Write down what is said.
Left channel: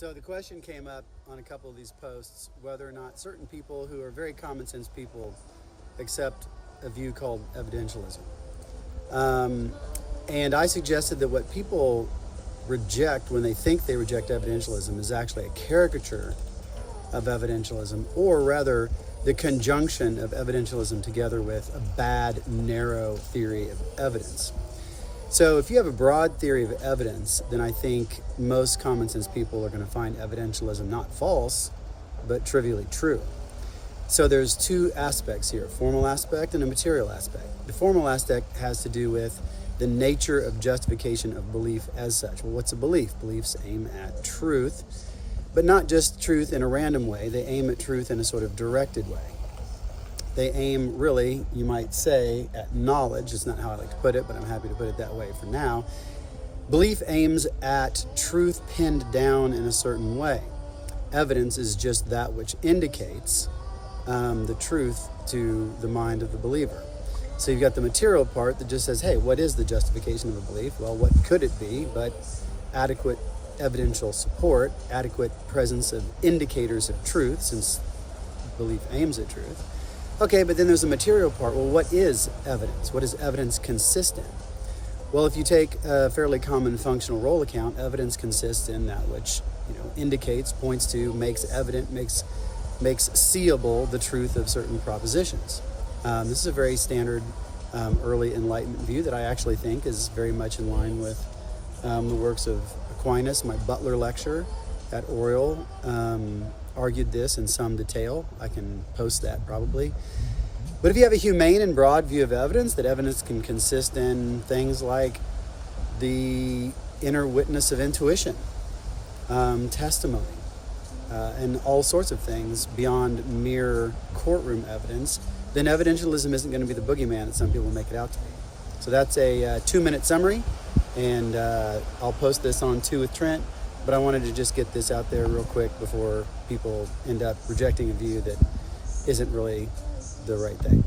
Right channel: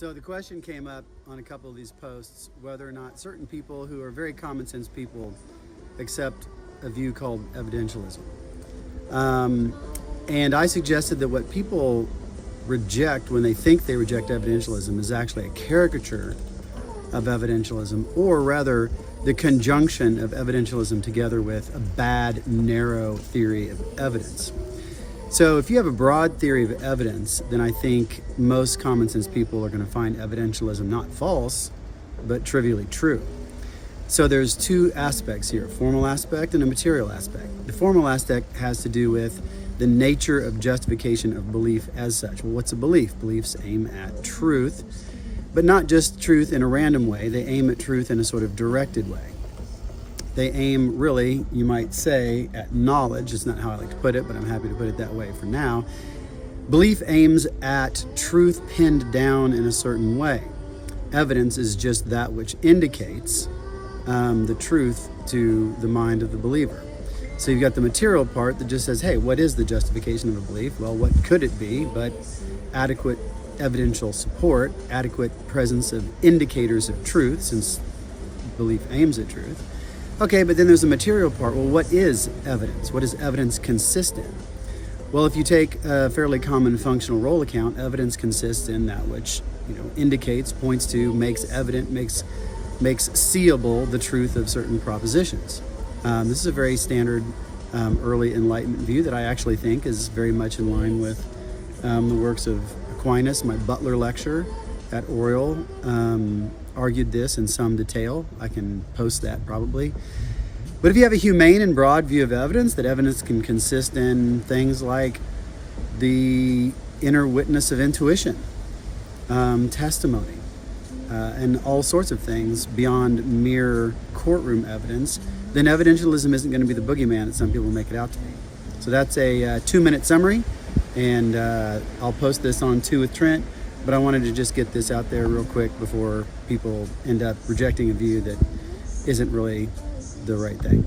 So the question came up on a couple of these posts whether or not certain people who are very common sense people accept a view called evidentialism. And I suggested that what people reject when they think they reject evidentialism is actually a caricature of evidentialism, or rather the conjunction of evidentialism together with a bad, narrow theory of evidence. So if you have a broad theory of evidence, then I think most common sense people are going to find evidentialism not false, but trivially true. So there's two aspects here, a formal aspect and a material aspect. The formal aspect has to do with the nature of justification of belief as such. Well, what's a belief? Beliefs aim at truth, but not just truth in a random way. They aim at truth in a sort of directed way. They aim, really, you might say, at knowledge. It's not how I like to put it, but I'm happy to put it that way for now. Belief aims at truth pinned down in a certain way. Evidence is just that which indicates the truth to the mind of the believer. So you've got the material part that just says, hey, what is the justification of a belief? Well, what could it be but adequate evidential support, adequate presence of indicators of truth, since belief aims at truth. Okay, but then there's a material part. Well, what is evidence? What does evidence consist in? Well, if you take a fairly common functional role account, evidence consists in that which indicates, points to, makes evident, makes seeable the truth of certain propositions. This is a very standard early Enlightenment view that I actually think is very much in line with the works of Aquinas. My Butler lecture at Oriel argued this in some detail. I can post that probably. But if you have a humane and broad view of evidence, that evidence can consist in things like the inner witness of intuition, testimony, and all sorts of things beyond mere courtroom evidence, then evidentialism isn't going to be the boogeyman that some people make it out to be. So that's a 2-minute summary, and I'll post this on 2 with Trent, but I wanted to just get this out there real quick before people end up rejecting a view that isn't really the right thing.